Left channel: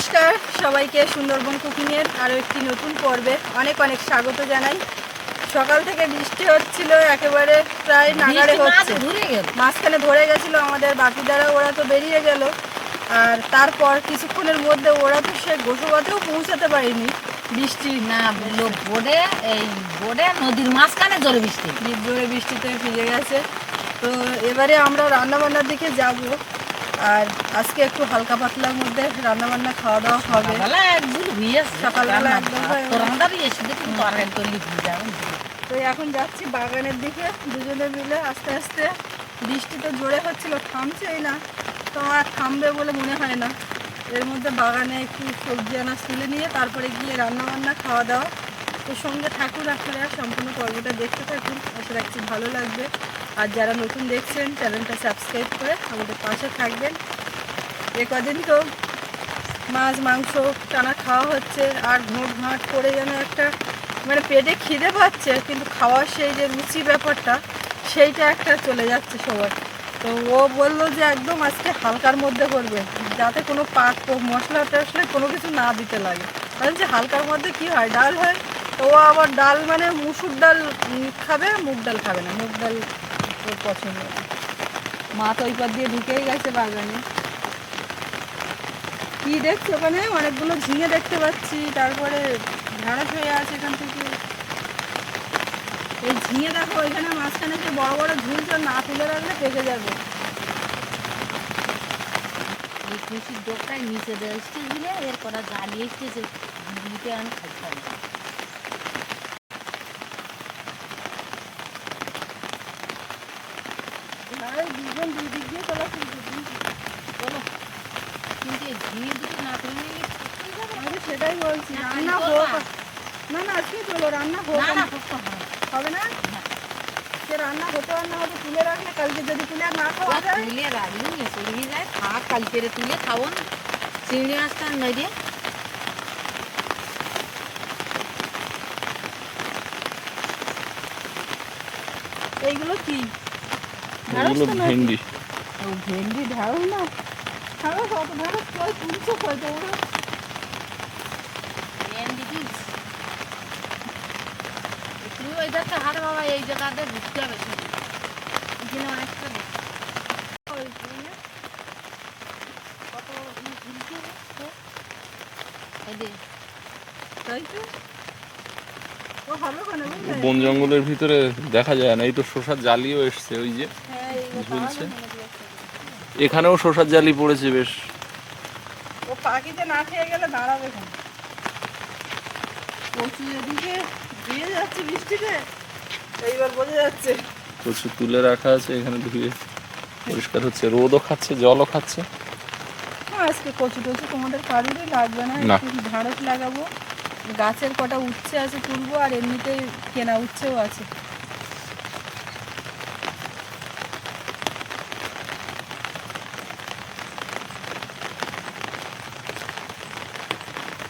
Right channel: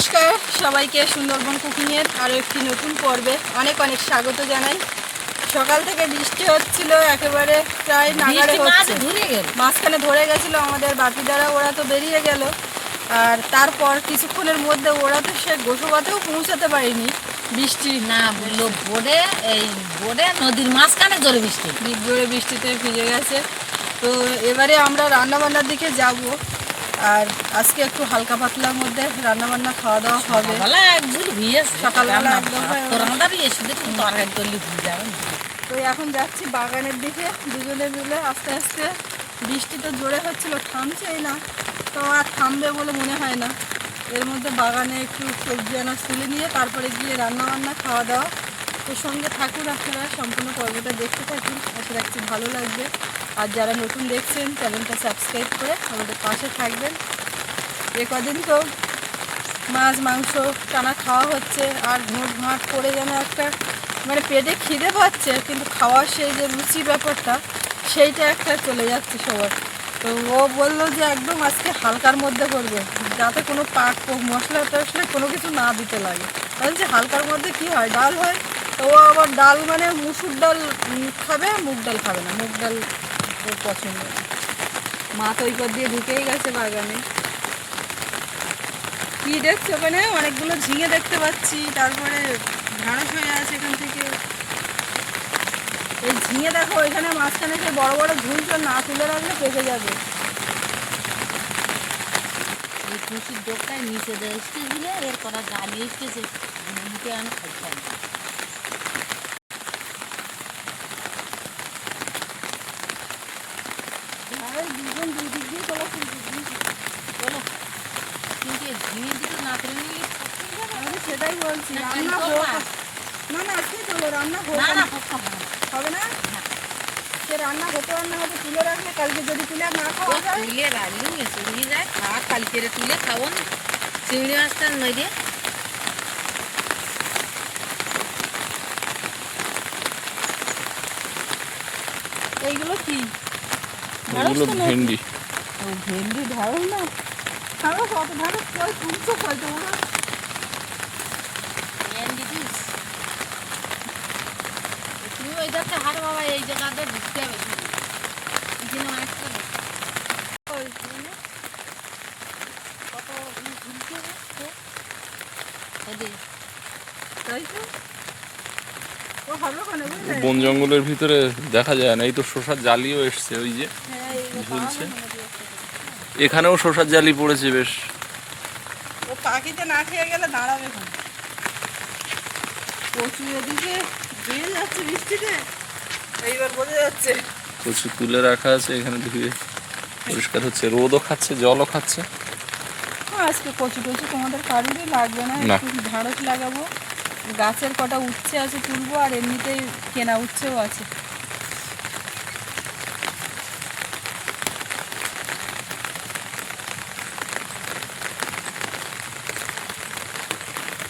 নমস্কার সবাইকে সুন্দরবন কুকিংয়ের আরও একটি নতুন পর্বে অনেক অনেক স্বাগত জানাই। সকাল থেকে বৃষ্টি হচ্ছিল একেবারে প্রায় নাগারে হচ্ছে। মাঝখানে ধরে গেছিল আমাদের বাকিদারা ওরা তো বেরিয়ে গেল। আর তারপর কিছুক্ষণের মধ্যে ওরা তো সে গোসবাতেও পৌঁছাতে পারেনি। বৃষ্টি না বলল বোর্ডে এই বোর্ডে নদীর মাঝখানে জোরে বৃষ্টি। জোরে বৃষ্টিতে ভিজে গেছে। তো এবারে আমরা রান্নাবান্নার দিকে যাব। আর আজকে একটু হালকা পাতলার মধ্যে রান্নাবান্না খাওয়া দাওয়া হবে। সকালবেলা একদম তো এখন যাচ্ছি বাগানের দিকে দুজনে মিলে আস্তে আস্তে। বৃষ্টি তো জোরে হচ্ছিল থামছেই না। তো আর থামবে বলে মনে হয় না। এর মধ্যে বাগানে একটু সবজি আনাজ তুলে নিয়ে তারপরে গিয়ে রান্না বান্না খাওয়া দাওয়া তো সঙ্গে থাকুন আপনারা সম্পূর্ণ পর্বটা দেখতে থাকুন। আশা রাখছি ভালো লাগবে। আর যারা নতুন দেখছেন, চ্যানেলটা সাবস্ক্রাইব করে আমাদের পাশে থাকবেন। এ কদিন তো মাছ, মাংস টানা খাওয়া হচ্ছে, আর ঘোট ঘাট করে যেন একটা মানে পেটে খিদে পাচ্ছে, কিন্তু খাওয়ার সেই যে রুচি ব্যাপারটা, সেইটা একটা চলে যাচ্ছে সবার। তো ও বলল যে একদম আজকে হালকার মধ্যে করবে, যাতে কোনো পাক মশলা টশলা কোনো কিছু না দিতে লাগে। কারণ যে হালকার মধ্যে কি হয়, ডাল হয়, তো ও আবার ডাল মানে মুসুর ডাল খাবে, মুগ ডাল খাবে না, মুগ ডাল ওর পছন্দ না। মা তো ওই দিয়ে ঢুকেই গেছে বাগানে। কি দেখছি ওখানে? অনেকগুলো ঝিঙে দেখতে পাচ্ছি। তারপরে ঢাঁড়স হয়ে আছে এখান থেকে। এই ঝিঙে দেখো, ওইখানে মাঝখানে যে বড় বড় ঝুলছে না তুলে রাখলে পেকে যাবে। এই খুশির ডোকটায় নিচে দেয়। দিলে এর করা জ্বালিয়ে এসতেছে মুখে আমি খাইতে হবে আর দুজন দুই দিক দিয়ে চলে বলো কিন্তু এই ঝিঙে দিকে না তুমি আমি সেটাই বলছি না, রান্না কাল হোক করবা? না না আজকে চলো রান্না হোক না না করতে হবে না। হবে না সে রান্না হতে রান্না হতে তুলে রাখলে কালকে যদি তুলে না খাওয়া যায়? তুলে রাখলে চড়িয়ে যায় থাক কালকে তুলে খাব। চিংড়ি মাছটা মেরে এইগুলো কি? এগুলো? ভেন্ডি। ও ভেন্ডি ঢ্যাঁড়স না? ঢ্যাঁড়স কত? ঢ্যাঁড়স কই? তুলছো কই তোমরা তুমি ওই দেখতে হাট বাবা এই জায়গাতে ঢুকতে হবে এখানে অনেকটা বন জঙ্গলের ভিতরে দেখা যায় না এই তো শোষার জালিও এসছে ওই যে হ্যাঁ, ঝুলছে। এখানেও শোষার জালি পড়েছে বেশ। ও পাখিতে না খেয়ে গেলে দাঁড়াবে কচু এদিকে দিয়ে যাচ্ছে বৃষ্টিতে। এইবার বোঝা যাচ্ছে। কচু তুলে রাখা আছে এখানে ধুয়ে পরিষ্কার হচ্ছে। রোদও খাচ্ছে জলও খাচ্ছে। হ্যাঁ, আজকে কচু টচু তোমাদের কারুরই লাগবে না না। একটু ঢাড়স লাগাবো। গাছের কটা উচ্ছে আছে তুলবো আর এমনিতেই কেনা উচ্ছেও আছে।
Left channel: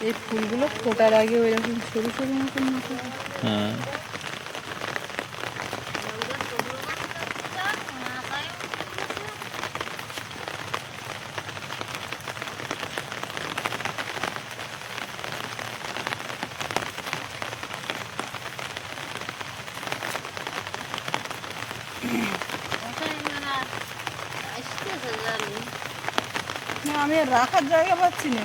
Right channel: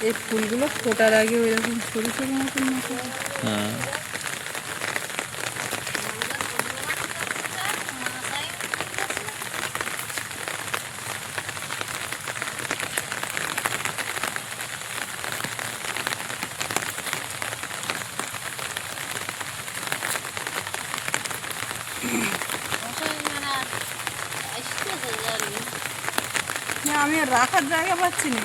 এই ফুলগুলো ফোটার আগে এরকম সরু সরু মতন মতো হ্যাঁ মশাই মানে আর আসতেছে জানি। না আমি আর রাখার জায়গা পাচ্ছি না।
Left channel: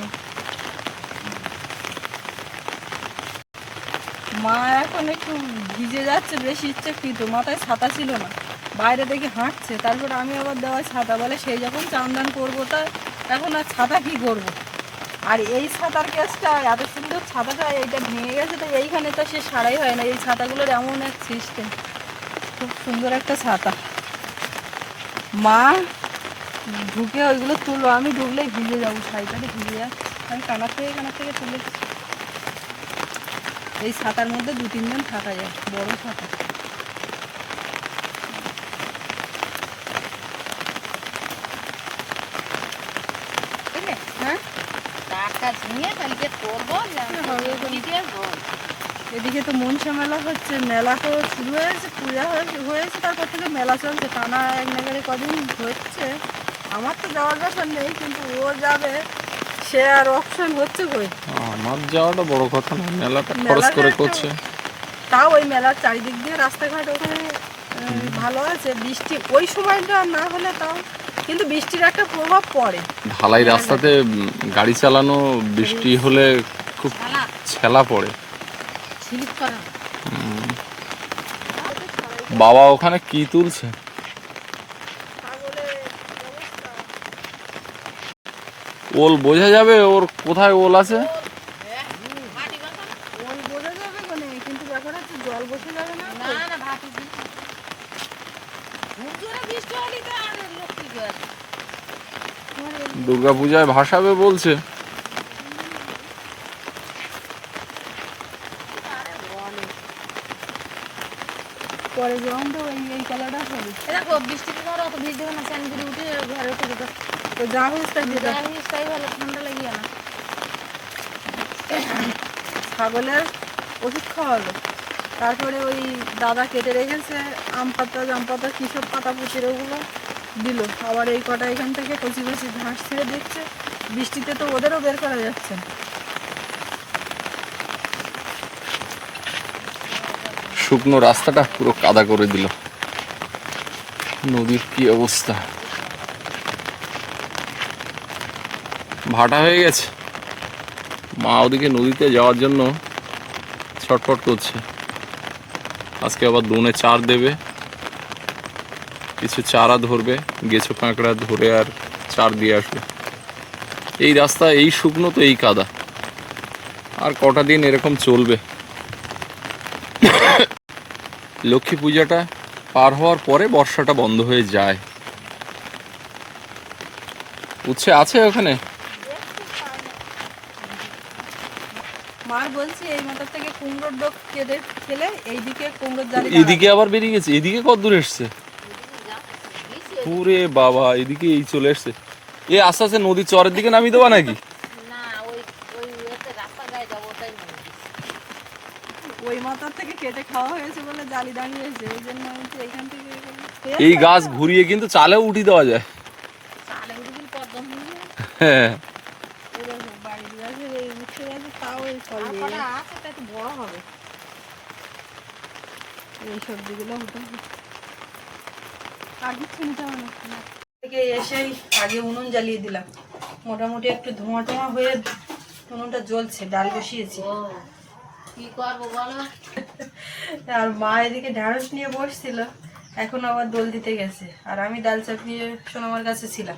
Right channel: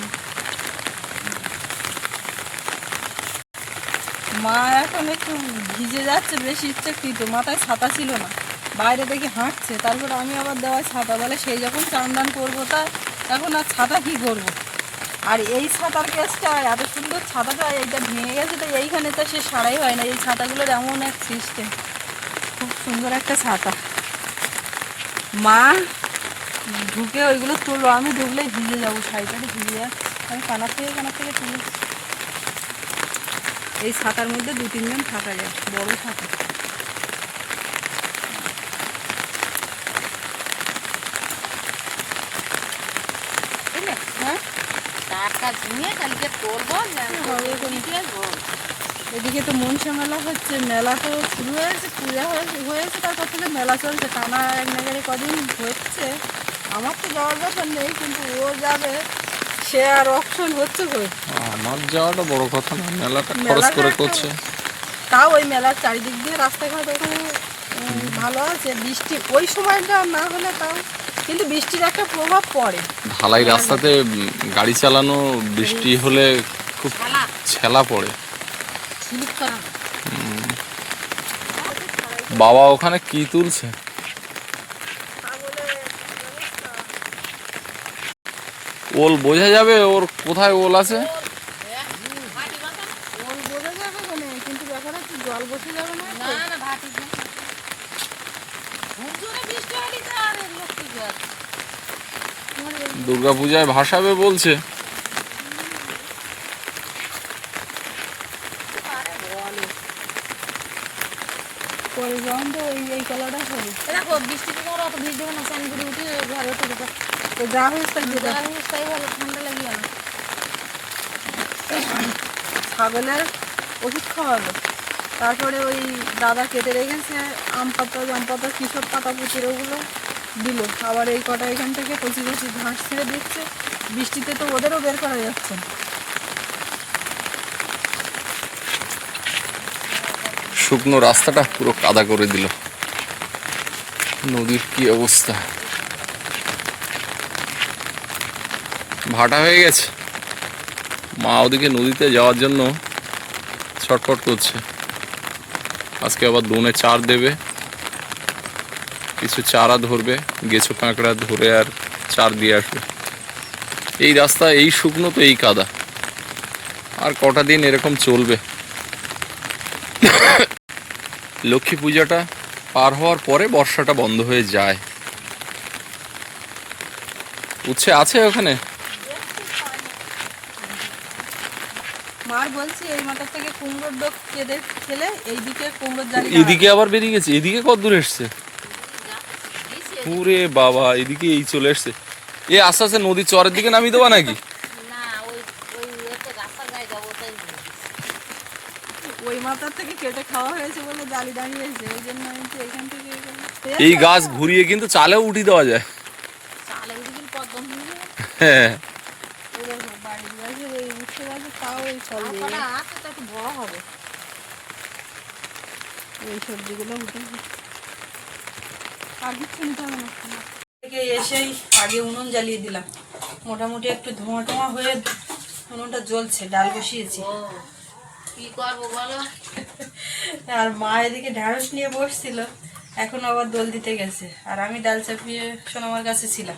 মা এখন একটু ভিজে যাচ্ছে, বেশি ইচ্ছাকৃত, মাথায় ছাতা ছিল না। বাইরে দেখে হাঁটছে, তারপর আমি আবার দেওয়ায় ছাতা, বলে সেই যখন চান দান করব, তা এখন আর ছাতা কি করব? আর এই ছাতার কেসটা এত সুন্দর ছাতাটা এইটা ভেঙে গেছে তো, এইখানে তো সে সারাই হয় না। এই ছাতাগুলোর এমন এক সিস্টেম। খুব সুন্দর একটা ছাতা। মা ঢুকে ওইগুলো তুলবো। আমি ঢুকলে ভিজে যাব শাড়িটাতে ভিজে যাচ্ছে আমি কানার থেকে কানার থেকে তুলে এই ছাতার মধ্যে দু তিনজন থাকা যায় বড় ছাতা? হ্যাঁ? এখন। এদিকে তো মনসা মেলা হচ্ছে মেলা তো শুরু হয়েছে পূজা হয়েছে হয়েছে তারপর থেকে মেলা চলছে। টানা এক নাগারে কদিন হচ্ছে। আমার তো যাওয়ার ব্যাপার নেই কিন্তু ও যাবে সে আর অপশন হচ্ছে কই? আমার যাওয়াটা বড় কথা না মেলাটা খরচ করে করছে। তাও ওই মেলার চারিদিক দিয়ে রাস্তাঘাট ওখানে ভালো আছে বৃষ্টি ওই সময়টা না হলে তাও কিন্তু বৃষ্টির একটা প্রভাব পড়ে। ঢালাই রাস্তাতে গাড়ি চালানো বৃষ্টি হলে খুব ছেলা। পড়ে। বাবা ওখানে কি তুলছে? ওল বোঝা যাবে ওর কোথায় ওল আছে? দুর্গাপূজায় ভাসাবে যাবে কোনে কিন্তু ব্যাপার হচ্ছে জল বসে যাবে না না না ভাটি দিয়ে খুব জোরে বৃষ্টি হলে তো আর লক্ষ্মী জল দুর্গাপূজায় ভাসাবে বলছে পরে যখন তো এই এই কালারটা হবে এ দেখো বৃষ্টিতে ধরো অত ভিড় দেবে না চান করে উঠে ছাগলের ওষুধ তারপরে ওই দাদা কেটে রেখেছে, আম পাতা, জাম পাতা কিসব পাতা পুচির ওগুলো দিল। আবার এই কটা এখান থেকে কচি কচি ঘাস ছেড়ে দিচ্ছে। বৃষ্টিতে তো ওদেরও বের করা যাচ্ছে শুকনো রাস্তাটা পুরো কাদা করে দিল। নদীর কি অবস্থা? ভাটা হয়ে গেছে। মা ওদিকে নদীতে যাওয়ার জন্য ছটফট করছে। আজকে আবার দোনে চার দেবে। কিছু চারা ধরবে, গেছো কাঁকড়া ধরে আর চার দিয়ে আসবে। এই রাস্তা, এই শুকনো তো এই কাদা। আর কটা দিন এরকম চলবে। লক্ষ্মী পূজাটা পার হওয়ার পরে বর্ষাটা বন্ধ হয়ে যায়। উচ্ছে আছে ওখানে? মার বলছি এই মাথার থেকে কুমড়োর ডোক কেটে খেলে এইদিকে কুমড়োর জালি এদিকে আবার বেরিয়ে গেছে এদিকে কত দূর এসছে? পুরে বাবা এদিকে এই চলে এসছে। এ আস্তে আস্তে নদীর চরের দিকে নামিয়ে দেবা নাকি? ওই ওই এতে রাস্তার গায়ে যাব ওটাই ওই মাথার থেকে কেটে খাওয়া হয়েছে বলে জালি দাঁড়িয়েছে এই জন্য আমি তো এখান থেকে এই গাছ ঘুরিয়ে কিন্তু চালেও উঠিয়ে দেওয়া যায়। চালে উঠে হয়ে হ্যাঁ এই দেখো, বাড়ির গাছের এই উঠে গেছে তাও এই একটু বড় হবে। সবজিগুলো উঠে আর কিছু নিতে হবে না। থেকে এসেই আগে উনুন জ্বালিয়ে দিলাম। মোটামুটি একটু ধোঁয়া টোঁয়া হয়ে উনুনটা জ্বলছে ডাল বসিয়েছি। কি করব বলো? আর মা এদিকে ঢ্যাঁড়স নিয়ে বসছিল এখন আবার দোল দিতে গেছে। আর আমি ডাল চাপিয়ে সোনামার কাছে ছিলাম।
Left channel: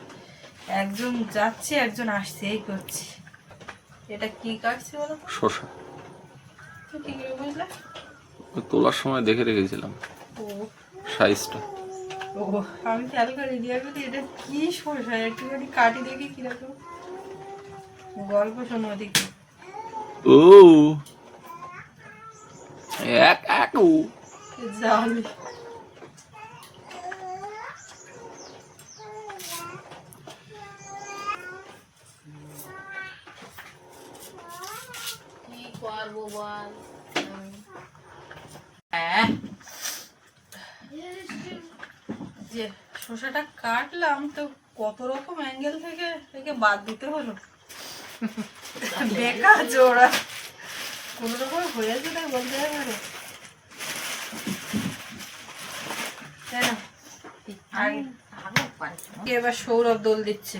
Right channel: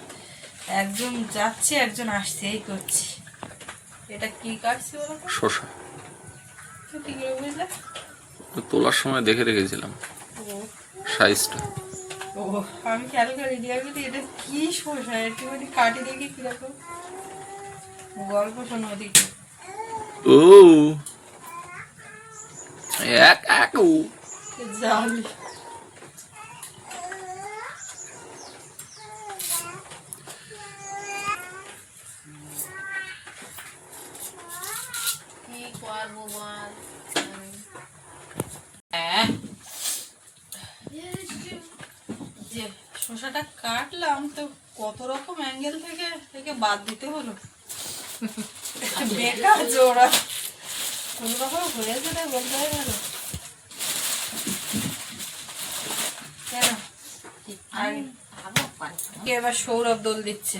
একজন যাচ্ছে একজন আসছে এই করছি। এটা কি কাটছে বলো শশা কি করে বুঝলে তোলার সময় দেখে রেখেছিলাম। সাইজটা। ও আমি খেয়াল করি দিয়া করি এটা কি শসা? একটুখানি কাটি দেখি কীরকম। গল্প শোনো ওদিকে। ও। এক এক ও জালি কি যে শসাটা কাটলাম তো কত রকম অ্যাঙ্গেল থেকে থেকে বাদ দিতে হলো। বেকার জোড়া। কোনো রকম হয়েছে না, বলতে পারে এবার সৌরভ দোল দিচ্ছে।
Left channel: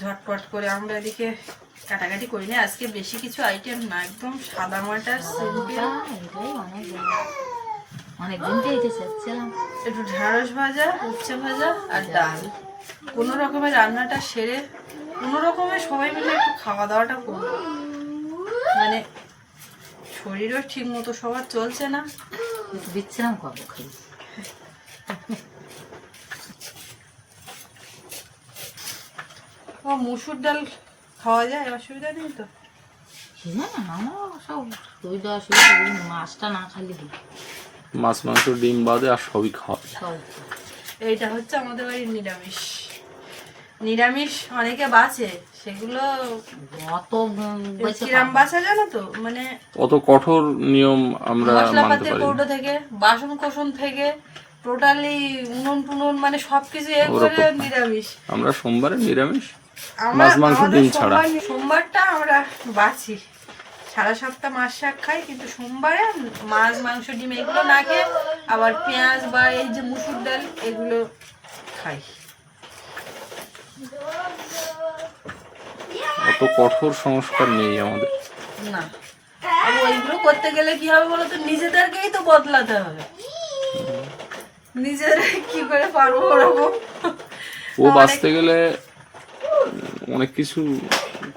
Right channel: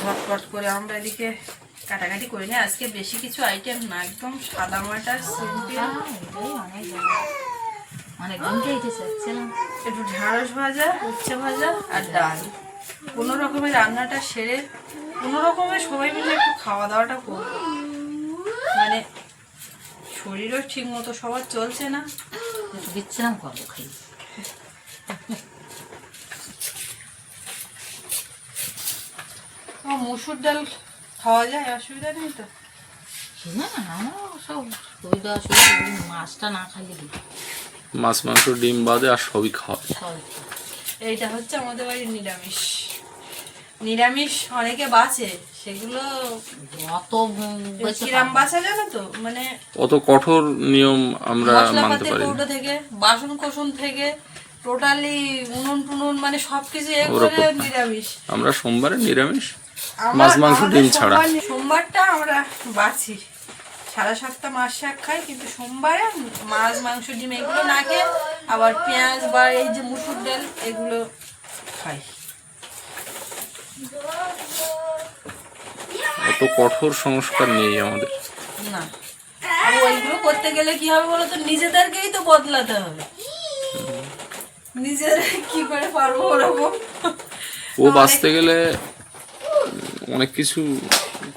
ঝটপট করে আমরা এদিকে কাটাকাটি করি না আজকে বেশি কিছু আইটেম না একদম সাদা মাটা সিম্পল। একটু ঢেঁড়স ভাজা উচ্ছে ভাজা আর ডাল। কোনো রকমের রান্নাটা সেরে কোনো রকমের সবাই মিলে একটু খাওয়া দাওয়াটা করব। মানে শরীরও ঠিক মতো সবার চলছে না। একটু বিশ্রাম করব খাই মুসুর ডাল খাওয়া যায় অসুবিধা নেই তো? না আমার সব অসুবিধা মাছটা না খালি মাছ মাংস ডিম বাদে আর সবই খাওয়াবে সব এইটা হচ্ছে আমাদের বাড়ির নিরামিষ। নিরামিষ অনেকে বাঁচে সেগুলো অত বেশি কিরাম বাঁচা জানো তো? মানে অত কঠোর নিয়ম আমরা মানতে মশলাপাতির পারি কৌটো থেকে বাসন কোসন থেকে টোটালি উনুন টুনুন মানে সবকিছু নিরামিষ। আমরা সোমবারে নিরামিষ। মাছ, মাংস, ডিম ছাড়া। সোমবারটা আমরা বাছি। সারা সপ্তাহ মাছ শাক খাই কিন্তু সোমবারে মাছ মাংস ডিম এগুলো না খেয়ে আবার পেঁয়াজ বা এই যে মুসুর ডাল এগুলো খাই। অত কঠোর সংস্কার নেই আমাদের। না। আর ওইগুলো করতে গেলে কি হবে বলো তো নিজেদেরকেই তো বদলাতে হবে। নিজেরা কি করে পারব ওরকম? ও বাঁচতে গেলে অনেক কিছু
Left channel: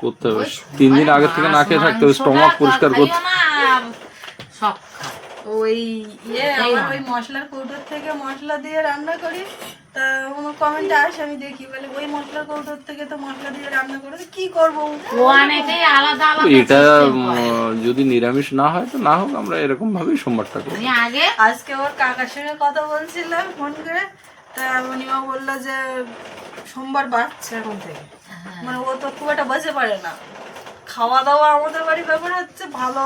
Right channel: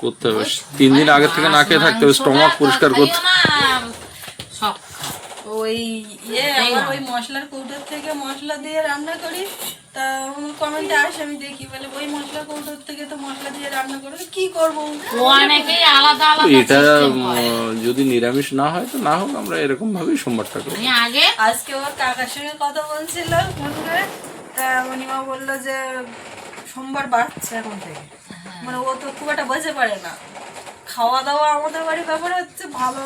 করতে হবে। তিন দিন আগে থেকে না খেয়ে থাকতে হবে স্টমাক পরিষ্কার করতে ওই ইয়ে ওই মশলার কৌটোর থেকে মশলা দিয়ে রান্না করি। তা আমার কমেন্টে আসে আমি দেখি। বলে ওই মশলার কৌটোর থেকে তো মশলা দিয়ে রান্না করে কি করব? অনেকেই আলাদা আলাদা এটা। যদি নিরামিষ না হয় তো না হোক আমরা এরকম ভাবেই সোমবারটা করি আগে আজকে ওর কাকার সঙ্গে কথা বলছিল ফোন করে। তা মণিমা বলল যে সোমবার বাড়ছে এখন থেকে। মানে ও তো খুব একটা বসে পারে না। খাওয়া দাওয়া আমাদের বাড়ির ব্যাপার হচ্ছে ভালো।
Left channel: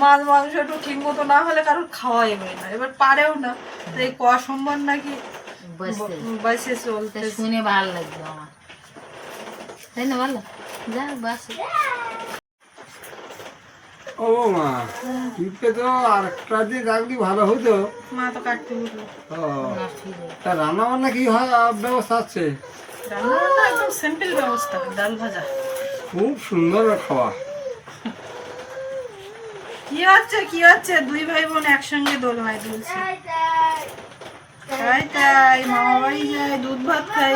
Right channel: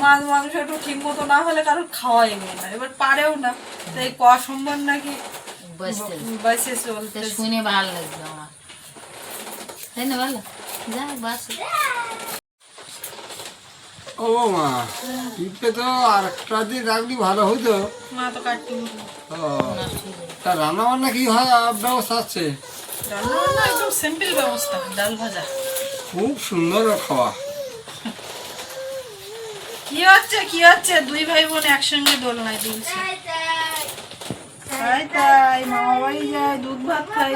মাছ মাংস একটু ঠিক মতো না হলে কারোর খাওয়াই হয় না এবার পারেও না। তো এই ক সোমবার নাকি বসে চলতে। শুনে ভালো লাগবে আমার। তাই না ভালো যা বাস। ও মা তো আর একটা দিন রাখলি ভালো হতো মা তো কাটতে তা রান্না বান্না কি হয় ব্যবস্থা আছে? রান্নাবান্না একদম সিম্পল ব্যবস্থা ডাল ভাজা। খুব সুন্দর খাওয়া। কি হচ্ছে কি হচ্ছে? দুই ভাই বোন একসঙ্গে দোলনায় দুলছে। তাই তাই মামা বাড়ি যায় দুধ ভাত খাই।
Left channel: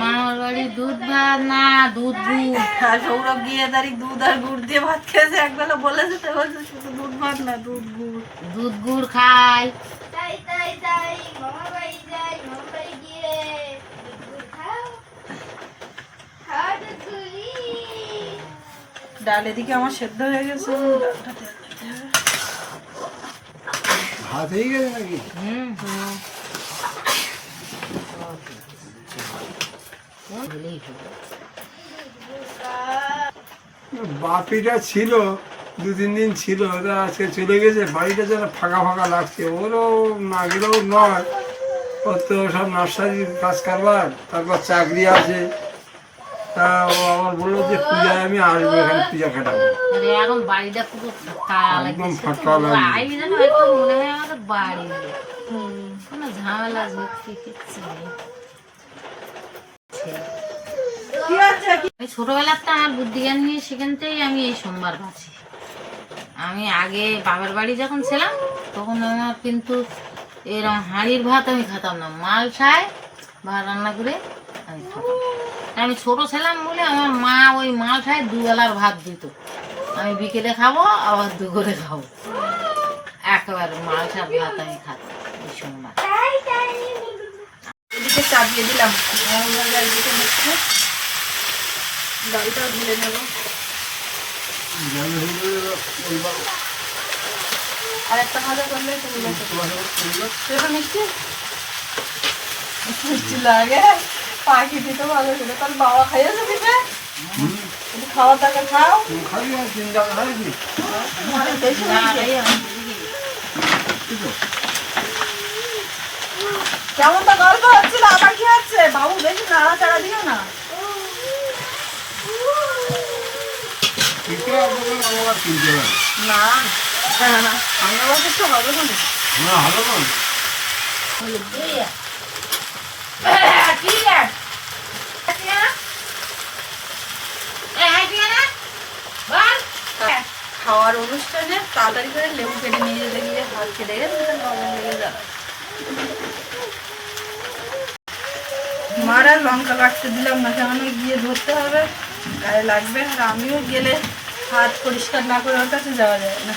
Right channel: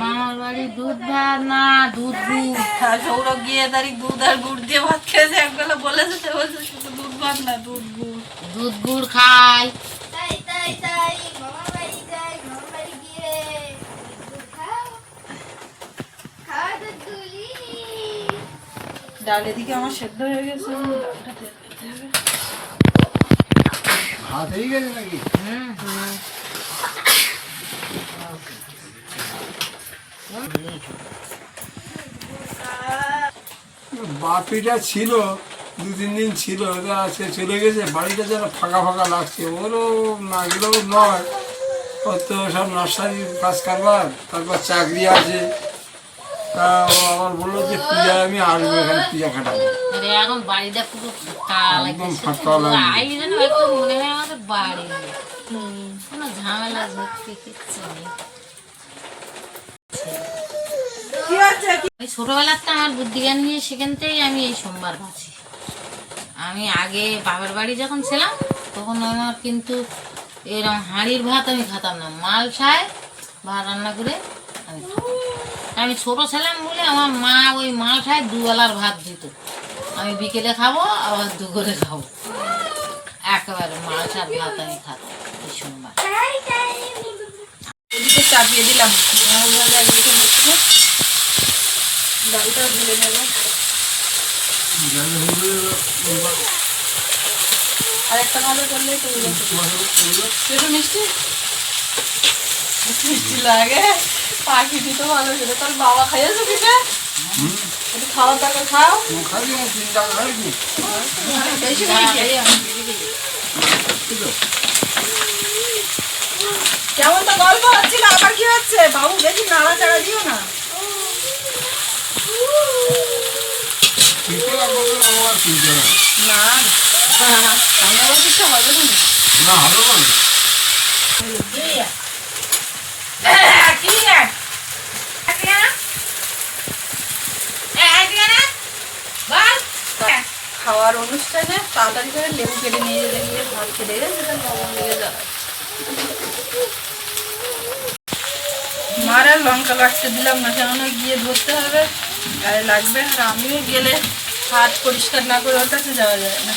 মামার বাড়ি দুধ ভাত না দুধ গুড়। আর সৌরভ গিয়ে তারি দুধ আর গুড় দিয়ে ভাত খেয়েছে। একবেলা বলেছে তো বলছে শুধু দুধ ভাত না দুধ গুড়। দুধ গুড় খাই। তাই তাই তাই মামার বাড়ি যাই মামার বাড়ি গিয়ে দুধ খাও খাওয়া দুধ গুলি ডাল এদিকে আমার সেদ্ধ হয়ে গেছে। ডালটা। ভাত হয়ে গেছে নাকি? হুম। হুম বাপিটা ছিল দু তিন দিন ছিল আজকে চলে গেছে বাড়িটা যেন ফাঁকা ফাঁকা লাগছে। ওরও না গেলেও নয়। ওর তো সব নার্সারির কাজ কারবার তারপর চাকরি আছে। ও আমার বলল যে পূজায় আমি আসব এখানে পূজা কাটাবো এখন বাড়িটা পুরো ফাঁকা একদম ফাঁকা লাগছে। যেন একদম মনে হয় আমাদের বাড়ি। কোনো ঝামেলা ঝুঁকি কিচ্ছু নেই। কি হচ্ছে? কি ওই ছোটবেলাতে আমার বুদ্ধি জ্ঞান নিয়ে সেখান থেকেই আমি এই সোমবার বাঁচি। আমি আগে বাবার বাড়ি যখন ছিলাম তখন আমার কিন্তু এরকম হাঁড়ির ভাত আমি খেতাম না। মালসায় ভাত রান্না করে আমি ছোট ছিলাম বলে আমার মা ওই মালসায় দুবেলার ভাত দিত। আমি বিকেলে খাব, আবার দুপুরে খাব। একেবারে মালসার ভাত আমি খাতাম এই সোমবার এদিকে চাপিয়ে দিলাম। একদিকে হচ্ছে ডালটাও ঢেলে নেব। আর একটা ভাজা করলে তুমি মিষ্টি? মিষ্টি লাগে। পাখি দিতে ভালো ছিল তাহলে বাবা খাইয়েছে পিঠে একটু খাওয়ার টাকা খাও। কেমন তো গল্প হচ্ছিল? আবার কি হচ্ছে? বাবু বেশি নাড়া চাড়া দিও না। হবে না তো হবে না। না না খাওয়ার অনুষ্ঠানে তাড়াতাড়ি করে লেবু কেটে নিয়ে যেতে গিয়ে ভাত খেতে সেটা লবণ লেগে যাবে মার লঙ্কা কাটতে দিলাম না কেন গিয়ে ধরতে হবে, গায়ে লাগবে আর আমিও গেলে হাত পরিষ্কার না করে ওর কাছে যাওয়া যায় না।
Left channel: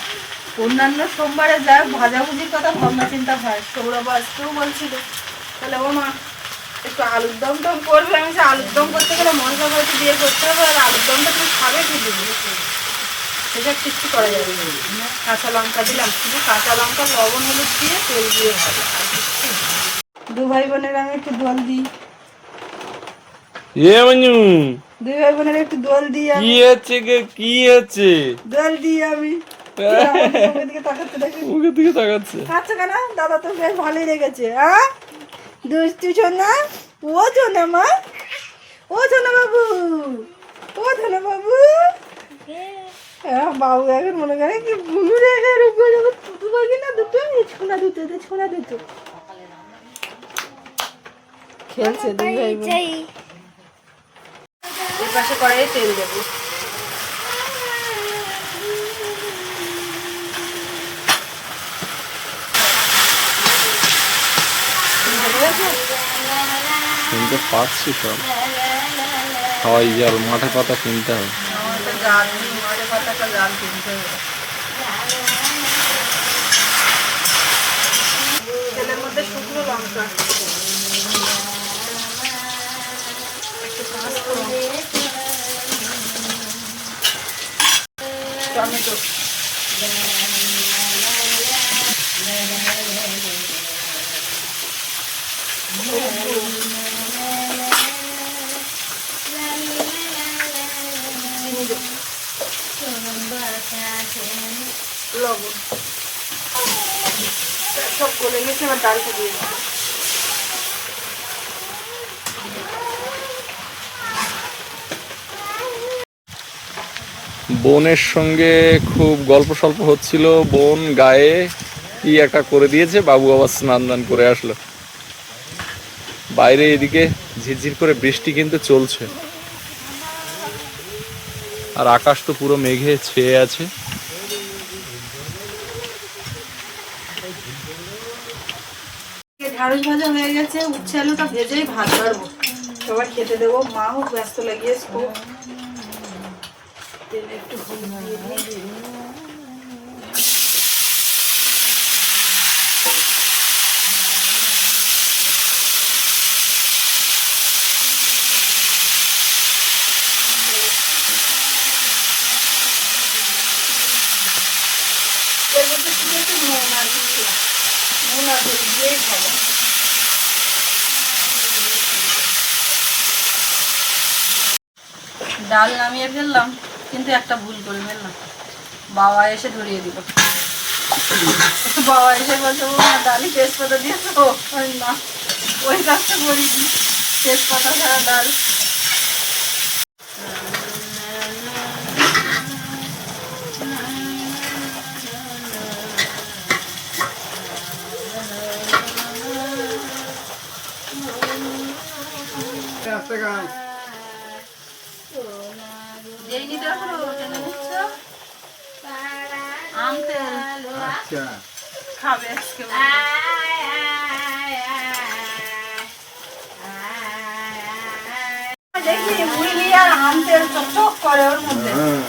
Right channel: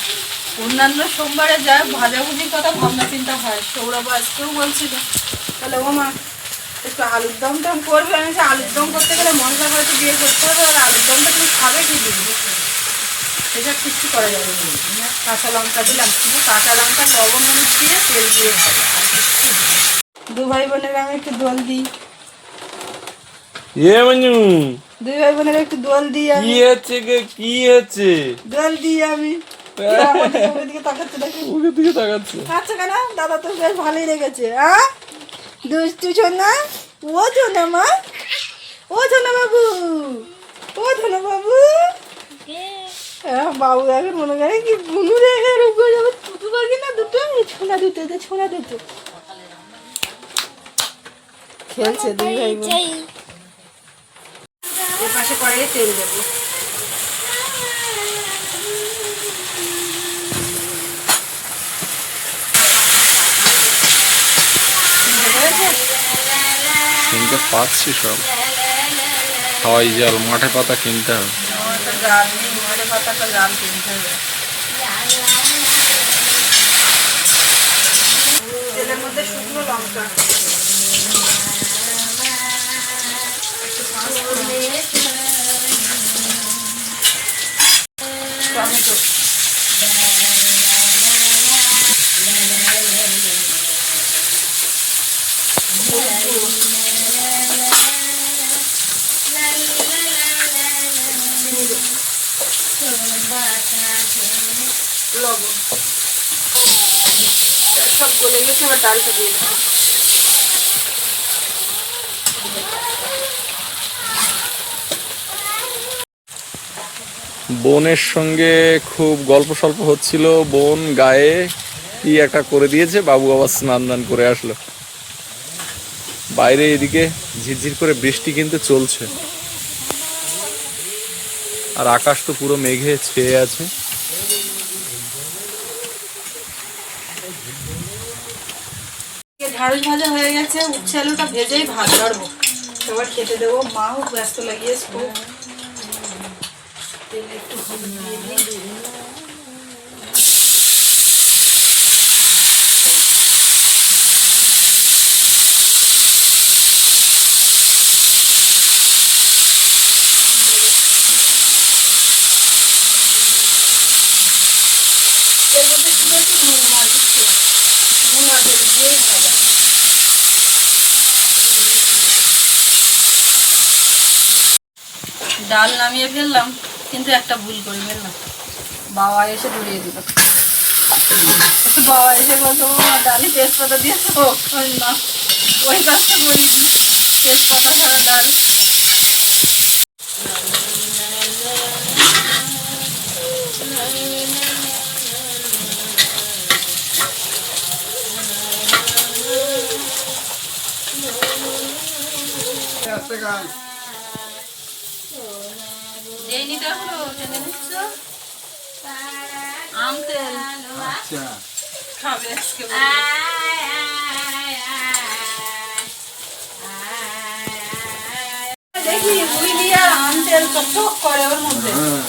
অন্যান্য সোমবারে যায় ভাজাভুজির কথা ভাবনা চিন্তা হয়, সৌরভ আজকেও বলছিল, তাহলে ও মা একটু আলুর দম টম করবে আমি বলছি, আলুর দম করতে গেলে মশলা হয়তো দিয়ে করতে হবে আর আলুর দমটা তুমি খাবে কি দিবি সেসব কিছু করা যাবে কাঁচা লঙ্কা দিলাম শুধু কাঁচা লঙ্কা লবণ হলুদ দিয়ে তেল দিয়ে হবে আর কিচ্ছু দু ভাই বোনের আমি একটু দোল দিই। এ মঞ্জু। দুই ভাই বোনের একটু দোল দিই আমি। কি হচ্ছে গে? কি হচ্ছে? দোল দিই আমি। আমার দেখি। ওকে দিকে তাকাচ্ছে। আচ্ছা কেন? দাদা তো বেশ ভালোই লেগেছে হ্যাঁ? দুষ্টু সোনা, ও সোনা মা, ও ধনা বাবু, ও ধনা বাবু। বাবু এখন মনে করে কি বুনু রেখে রূপ যাবে দুটো পাখি না দুটো? এই ছোনা দুটো এদের ছোনা দুটো। খেলছে দুই ভাই এর পাশে কড়াইয়ে তেল দেবো। কিনতে পাচ্ছি সব। হাওয়াই জল মাঠে পাতা কিনতে হবে। জাল কিনতে হবে তেলের মধ্যে শুকনো লঙ্কা একটু পাঁচ ফোড়ন। টমেটো লবণ গেছে আবার ডালটা দিয়ে দিই। বোনের সঙ্গে খুব গল্প সল্প হচ্ছিল। বোন গায়ে কি একটা করে দিয়েছে, বাবু আবার স্নান দান করে আসলো। বাইরে এদিকে ঝিরঝির করে বৃষ্টি কিন্তু চলছে। আর আকাশ তো পুরো মেঘে ছেয়ে আছে। ঢাড়স ভাজা হয়ে গেছে, উচ্ছে আলুটা ভেজেই ভাত পারব সবার খেতে দেবো। মাও ব্যস্ত লাগিয়েছে, খুব। একটু নুন আর কিছু। ডাল নামিয়ে ফেললাম কিন্তু একটা ভুল করে ফেললাম। বাবা এসে ধরিয়ে দিল। বাবা এসে বলতো "মা, ডালি তেজপাতা দিয়েছ? না ওই কাজটা করিনি। তেজপাতা ছাড়া ডাল টেনে নিচ্ছ? আম তেল। আচ্ছা। খাবে আজকে দেখি বুড়ি আর আম তেল টক করে ওর মধ্যে। হ্যাঁ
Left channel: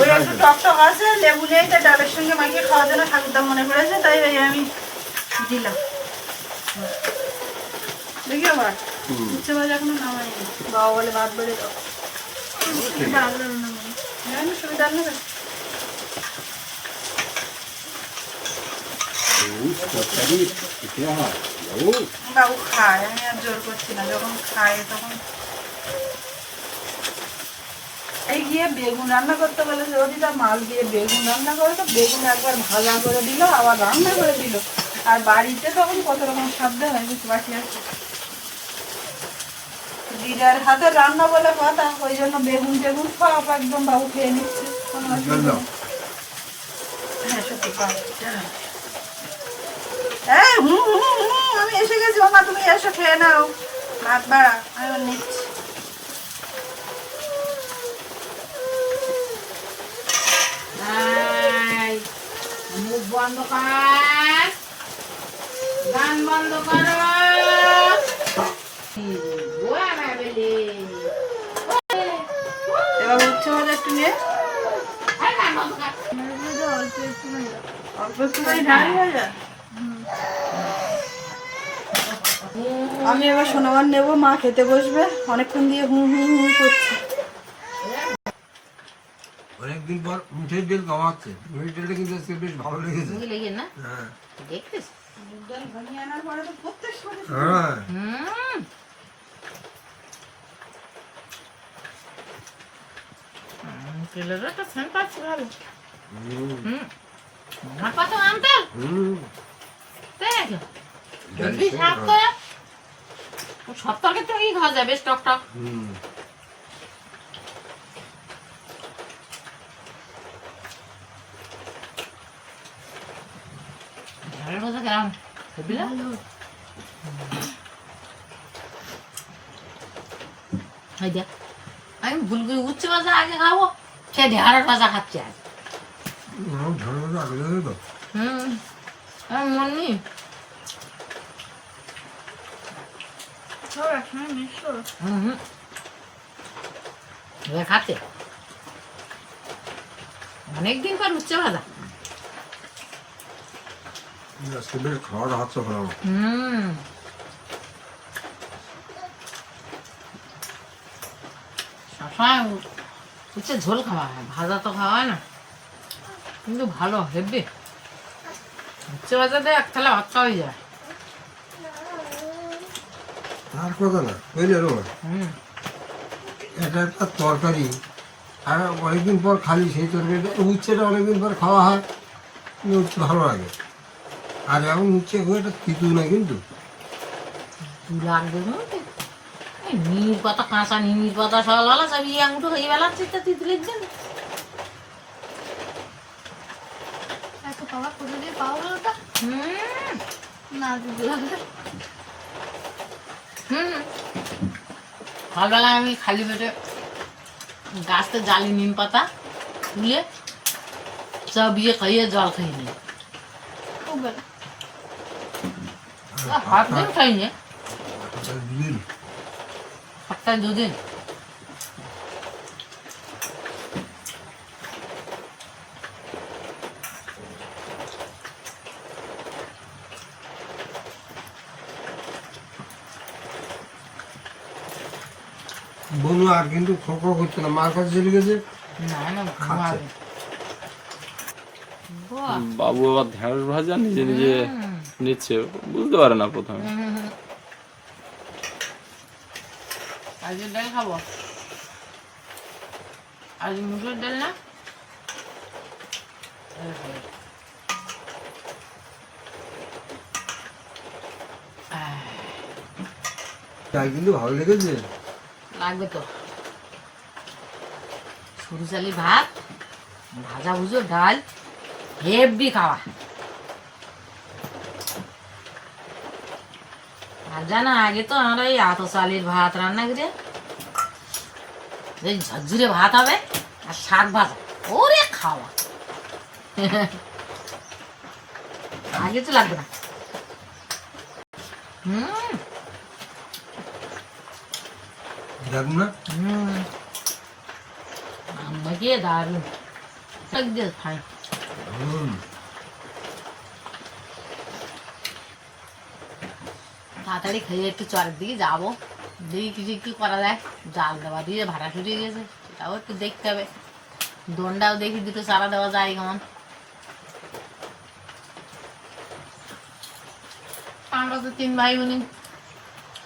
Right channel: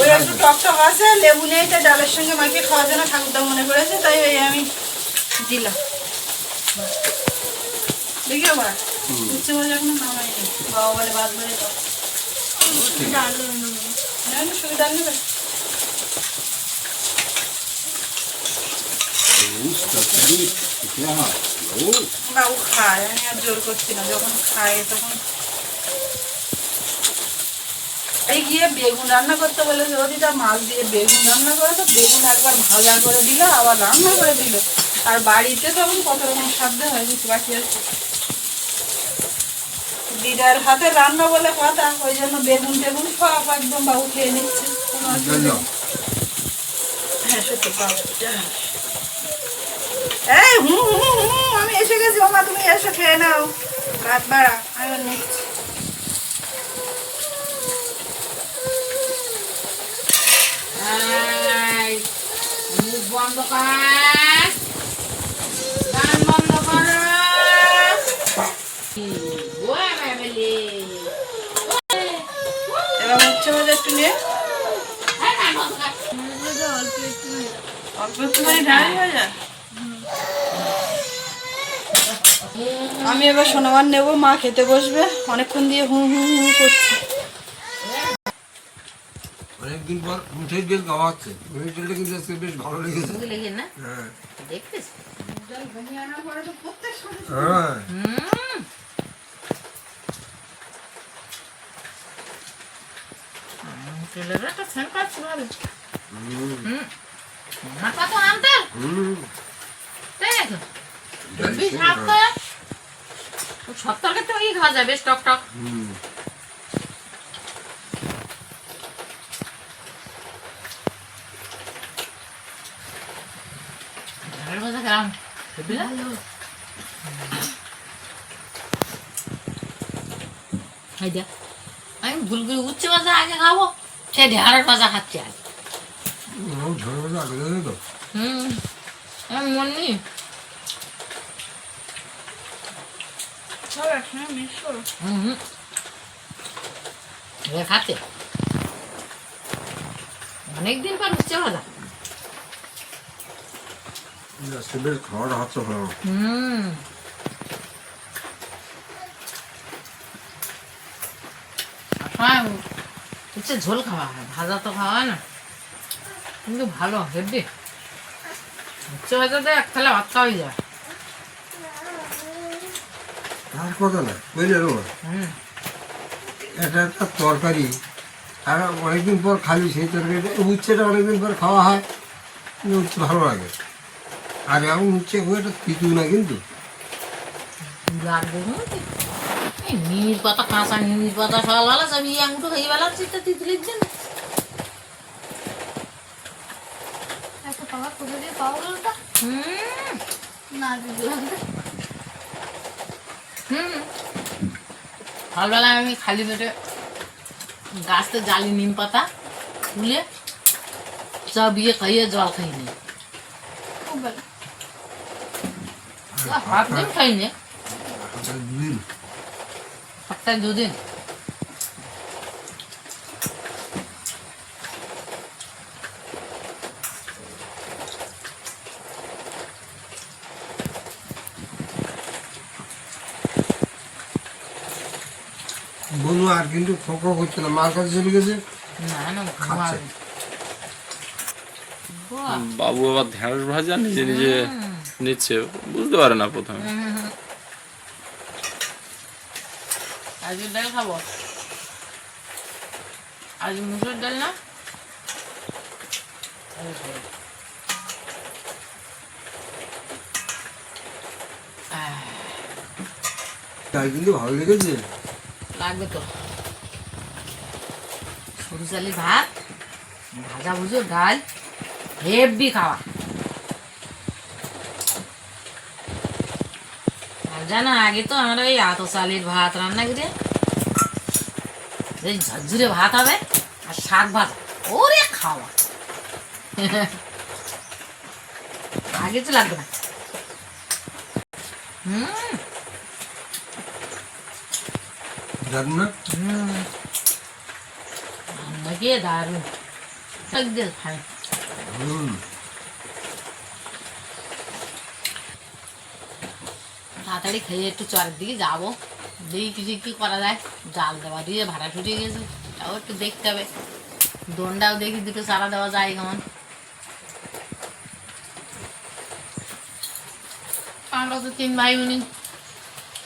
ওই একটু টক টক আছে লেবু নিয়ে ডালের সঙ্গে মাখিয়ে খাওয়ার জন্য ঠাকুরদা মনে করেছে তাই ওই আমি দিলাম। দেখি আবার উচ্চ ভাজা এখনও নামাইনি বাবা বলে ভাত বেড়ে দাও। ডাল রান্না করে হ্যাঁ সুবিধা নেবে। বাবু খায়। আমি আর জোর করছি না। যখন খায় তখন এই গিয়ে বেগুন রান্না করতে বলে রোদিটা মাছ দিয়ে বেগুন রান্না করে তো বেগুন একবার ভাজা করে দিল আবার রান্না করে দিল। আর বাড়িতে তখন কত রকম খাদ্য হয় কিছু বাকি আছে দিদার হাতে রান্না বলে কথা ওই জন্য বেগুন টেগুন সব একদম বাবু খেয়ে নিচ্ছে। কোনো অসুবিধা হ্যাঁ সত্যি পাবো এই হুম হুম হুম আমি এসে গেছি মামা তুমি এসো খেয়ে নাও। ভাত বাড়া আমি নিচ্ছি। মুখ বন্ধ কর। গান বন্ধ উচ্ছে ভাজা একটু নিয়ে। অল্প ভাজা আমি এবার সোনাবার নেব মা খেতে বসবে। অনেকক্ষণ দিয়ে হুম হুম হুম করছে। অনেকদিন পর মুঠের তেল খাওয়াচ্ছে মুঠের তেলটা কিন্তু আজকে বেশ ভালো লেগেছে। না? হ্যাঁ। দেখতেছ হ্যাঁ। তেলের একটা সেন্ট আছে ভালো। হুম। আমার কত আনতে হুম। তাই নাকি? হেভি স্বাদ তো সব তরকারি তো এই খাওয়া যায় বেশ টক টক। হুম। ভাজা কেমন? আমি ভুল করে উচ্ছে ভাজা আগে খাব। সে ঢেঁড়স ভাজা খাচ্ছি আগে তো। হুম মন হুম হুম। খাচ্ছে। অনেকদিন পর উচ্ছে ভাজা। আজকে বেশ ভালো হুম। সবসময় উচ্ছে ঝোল খাওয়া হয় ভাজা তো খাওয়া হয় না। কিন্তু ভালো হেভি উচ্ছে ভাজাতে এক থালা ভাত খাওয়া হয়ে যায়। আর কথা না বুঝলে হুম। এটা একটা তরকারি। আর অনেকদিন পর খালি সেই তরকারিটা উচ্ছেটা অনেকদিন পর খাওয়া হয় কিন্তু উচ্ছে ভালো লাগে। আর এখন উচ্ছে খুব একটা পিতু না কিন্তু। লাগবে নিমির পাতা কাঁচা নিমির পাতা সকাল বেলা সব ইয়ে আঙুটো হয়ে বেলাচ্ছি তা? তিতলির জন্য সকালবেলা আমি খালি পেটে গাছতে জালি নিম পাতা তুলে সব ইয়ে খাইয়ে জল খাই নি হাফ দিন খাইনি। সপ্তাহে দুদিন বনু আর কিন্তু খোঁকো করছে না মার কাছে চলে গেছে না না বাবু আবার ঢেঁড়স ভাজা নিজে নিজে নিচ্ছে বুঝতে পারে না প্রথমে আজকে ডাল খাব? আজ মুসুর ডাল না? তাই কিন্তু ভালো লেগেছে। লাগবে তো। সরু চালি ভাত ভাজা ভুজো ডাল হেভি খাওয়া। আর জানো আগে তো আমরা এই আত চালের ভাত রান্না করে। এই ঝরঝুরে ভাত হবে আর শাক ভাজা ওরে খাওয়া। আগে তো লাগবে না। হুম। জানি না? হুম। আমাকে দারুণ। একদিন খাই হুম তাড়াতাড়ি খেয়ে একটু চরের দিকে যাব। দেখি কিছু কি করা যায়, জাল দেওয়া দিয়ে ভাড়া ছুটে গেছে সেটাও একটু দেখতে হবে। দোনটাও দেখি, দুটো চারা দেওয়া যায় কেমন। আমরা তো তিন ভাই বোনই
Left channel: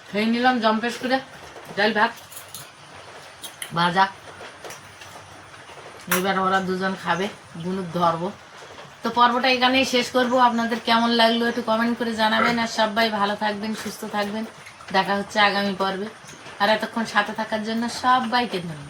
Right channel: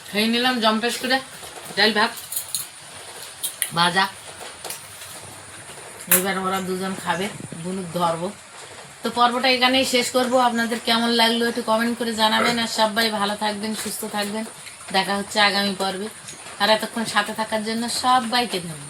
খেয়ে নিলাম জম্পেশ করে। ডাল ভাত ভাজা এবার ওরা দুজন খাবে বুনুক ধরবো। তো পর্বটা এখানেই শেষ করব। আপনাদের কেমন লাগল একটু কমেন্ট করে জানাবেন। আর সবাই ভালো থাকবেন, সুস্থ থাকবেন। দেখা হচ্ছে আগামী পর্বে। আর এতক্ষণ সাথে থাকার জন্য সবাইকে ধন্যবাদ।